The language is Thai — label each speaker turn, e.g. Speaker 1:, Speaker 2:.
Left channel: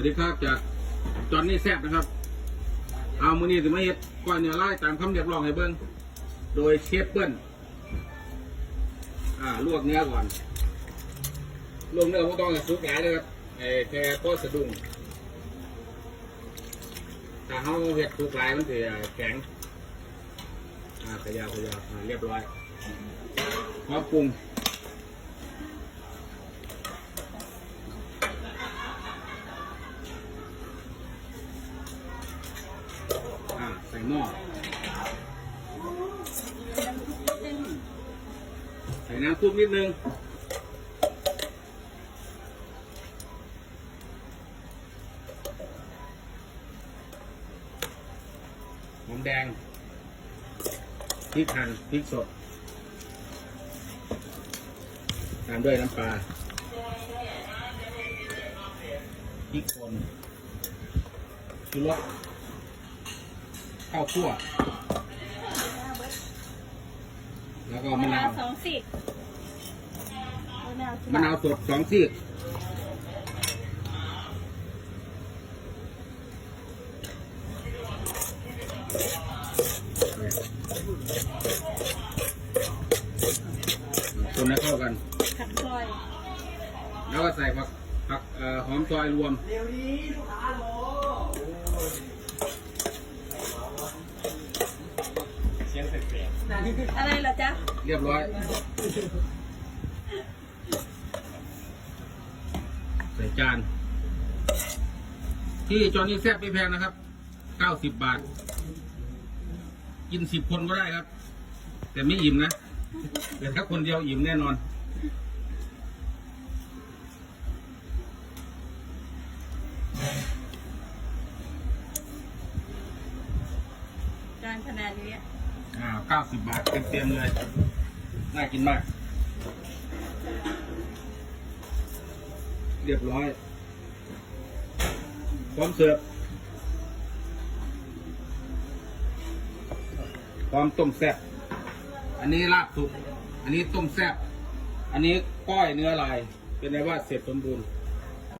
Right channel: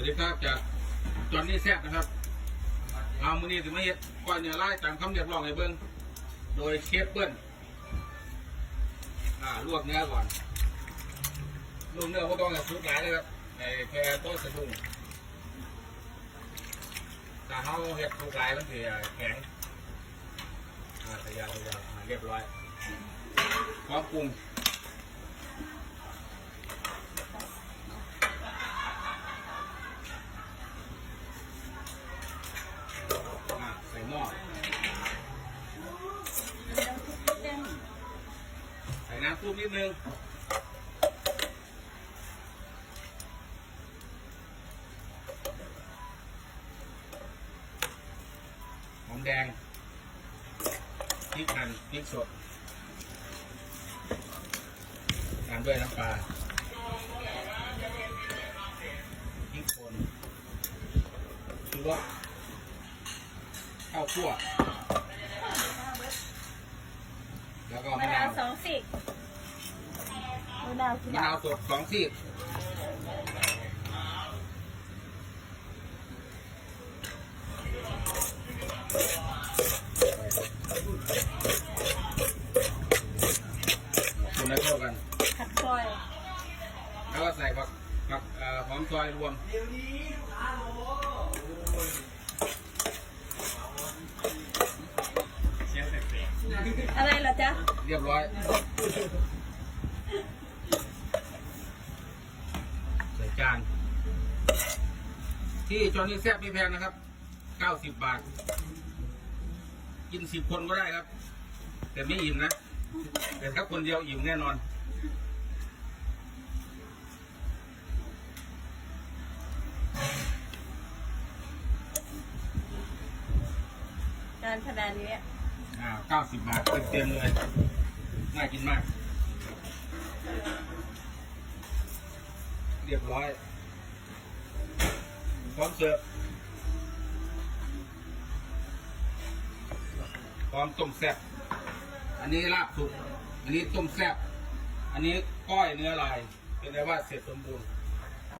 Speaker 1: วัสดีครับจากจอนนี่แซบนะครับ เอามือนี้จะมาเฮ็ดก้อยเนื้อไล่ตามคำเรียกร้องให้เบิ้งโดยเชฟเปิ้ลอ่าลวกเนื้อก่อนลวกเนื้อไม่ต้องให้สุกหนาเลยครับเอ่อแค่พอสะดุ้งถ้าเขาเฮ็ดสุกหลายมันจะแข็งอ่าขยาวขยาวเรียบร้อยน้ำปรุง อ่าใส่ห ม้อใส่น้ำซุปนิดนึงน้ำแดงพริกหั่นพริกสดตามด้วยน้ำปลาพริกป่นชูรส ข้าวคั่วแล้วก็
Speaker 2: มะ
Speaker 1: มะนานา
Speaker 2: ววสองสิกมะนาวกี่
Speaker 1: มะ
Speaker 2: บาท
Speaker 1: นาวสดสองซีกคนให้เข้ากัน
Speaker 2: ขัดซอย
Speaker 1: แล้วก็ใส่ผักผักเอ่อหอมซอยรวม
Speaker 2: อะไรเหรอจ๊ะ
Speaker 1: เรียบร้อยใส่จานที่จอนี่แซ่บไม่แพงนะครับ 90 บาท กิน 10 คนก็ได้ครับ แต่ไม่อิ่มนะ แต่แค่คนเดียวอิ่มแน่นอน
Speaker 2: จานขนาดนี้
Speaker 1: อ่า90 บาทเต็มๆเลย น่ากินมาก เรียบร้อยพร้อมเสิร์ฟพร้อมต้มแซ่บอันนี้ลาบสุก อันนี้ต้มแซ่บ อันนี้ก้อยเนื้อลาย เป็นไงว่าเสร็จสมบูรณ์